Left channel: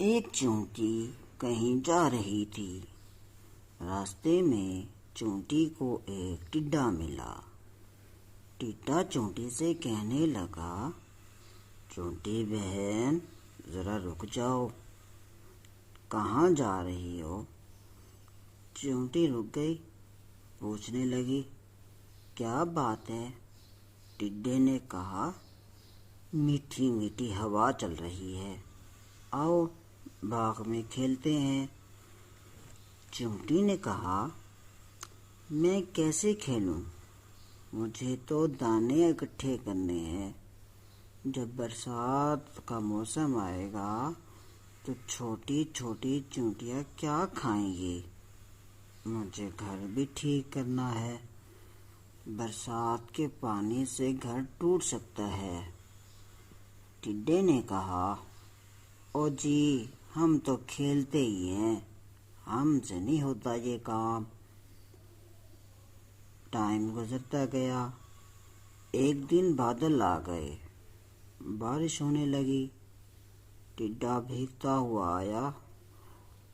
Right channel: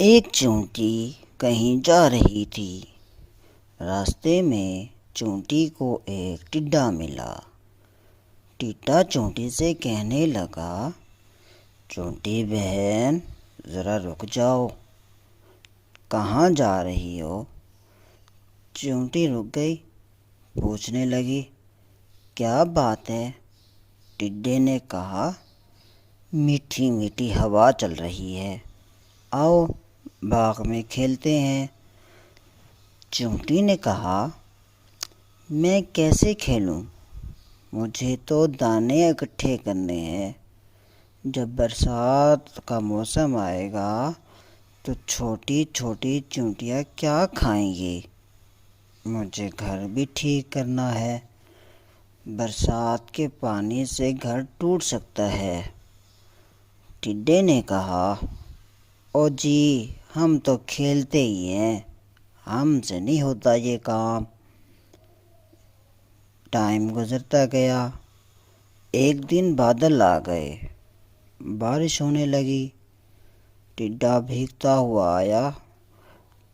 ایک چونٹی کہیں جا رہی تھی۔ راستے میں چونٹی کو ایک ٹڈا ملا۔ ٹڈا چونٹی سے کہنے لگا، چونٹی بہن ذرا رک جاؤ، کہاں جا رہی ہو؟ چونٹی رک گئی، پوچھنے لگی، کیا بات ہے؟ ٹڈے نے کہا، میٹھی میٹھی ہوا چل رہی ہے، آؤ باغ میں کھیلتے ہیں۔ چونٹی نے کہا، میں کیسے کھیلوں؟ مجھے تو دانے اکٹھے کرنے ہیں۔ جب برسات کا موسم آئے گا تو چھوٹی چھوٹی چونٹیاں کیا کھائیں گی؟ مجھے گھر بھی ٹھیک کرنا ہے، برسات کے پانی سے گھر ٹوٹ سکتا ہے۔ ٹڈے نے کہا، او جی ہم تو کھیلتے ہی ہیں، ہم سے نہیں ہوتا یہ کام۔ ٹائم گزرتا گیا، ایک دن بادل آ گئے، بارش ہونے لگی۔ ٹڈا بھیگتا ہوا آیا،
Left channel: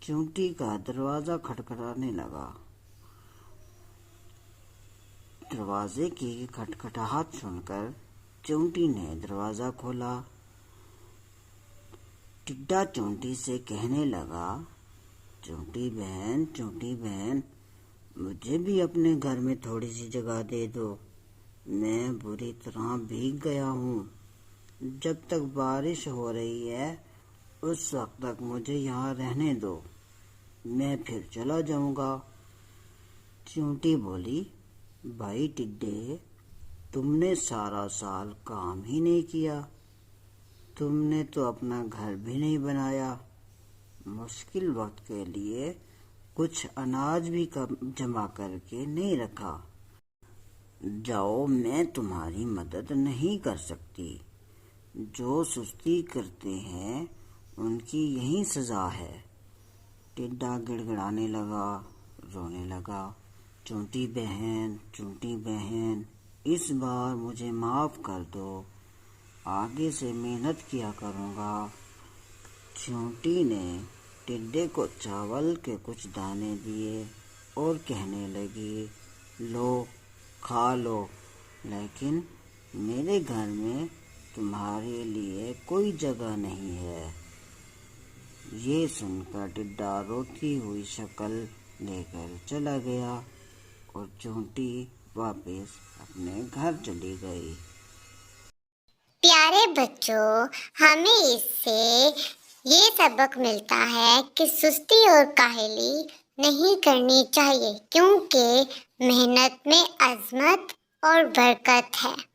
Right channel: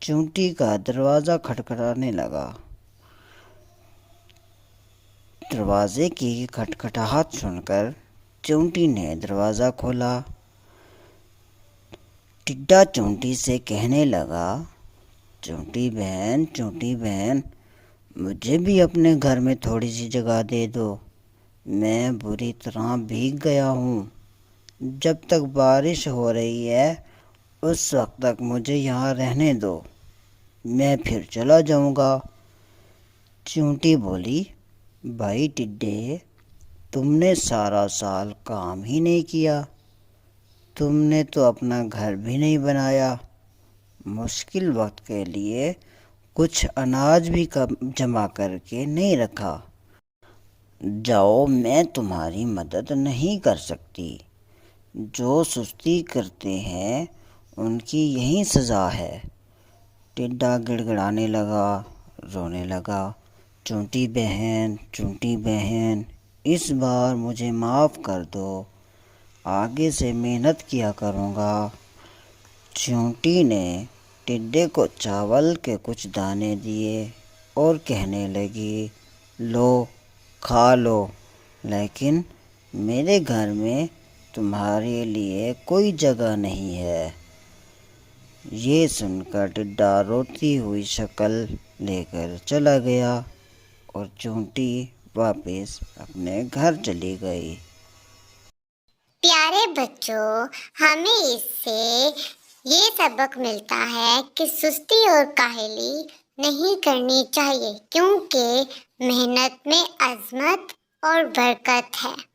چونٹی کا دروازہ کھٹکھٹانے لگا۔ دروازے کی کھٹکھٹاہٹ سن کر چونٹی نے دروازہ کھولا۔ ٹڈا چونٹی سے کہنے لگا، چونٹی بہن مجھے بھی اپنے گھر میں تھوڑی سی جگہ دے دو، میں بری طرح بھیگ گیا ہوں۔ جب تک بارش ہو رہی ہے اس وقت تک مجھے یہاں رہنے دو، میں پھر چلا جاؤں گا۔ چونٹی بولی، بھائی ٹڈے، تم نے سارا سال کام ہی نہیں کیا، تم نے تو اپنا گھر بھی نہیں بنایا، مشکل وقت کے لیے کچھ اناج بھی جمع کر کے نہیں رکھا۔ جاؤ، میں تمہاری مدد نہیں کر سکتی۔ جو سستی کرتے ہیں ان کی یہی سزا ہے۔ ٹڈا گڑ گڑانے لگا، رونے لگا، چونٹی بہن اس بار مجھے معاف کر دو، آگے سے محنت کیا کروں گا۔ چونٹی نے ٹڈے کو چاول کے کچھ دانے دیے اور کہنے لگی، لو کھا لو، لیکن میرے گھر میں تمہارے لیے کوئی جگہ نہیں ہے۔ یہ سن کر ٹڈا روتی ہوئی شکل لے کر چلا گیا اور چونٹی واپس اپنے گھر چلی گئی۔ پیارے بچوں، ہمیں اس سے یہ سبق ملتا ہے کہ سستی اور کاہلی نہیں کرنی چاہیے، کیونکہ محنت میں عظمت اور برکت ہے۔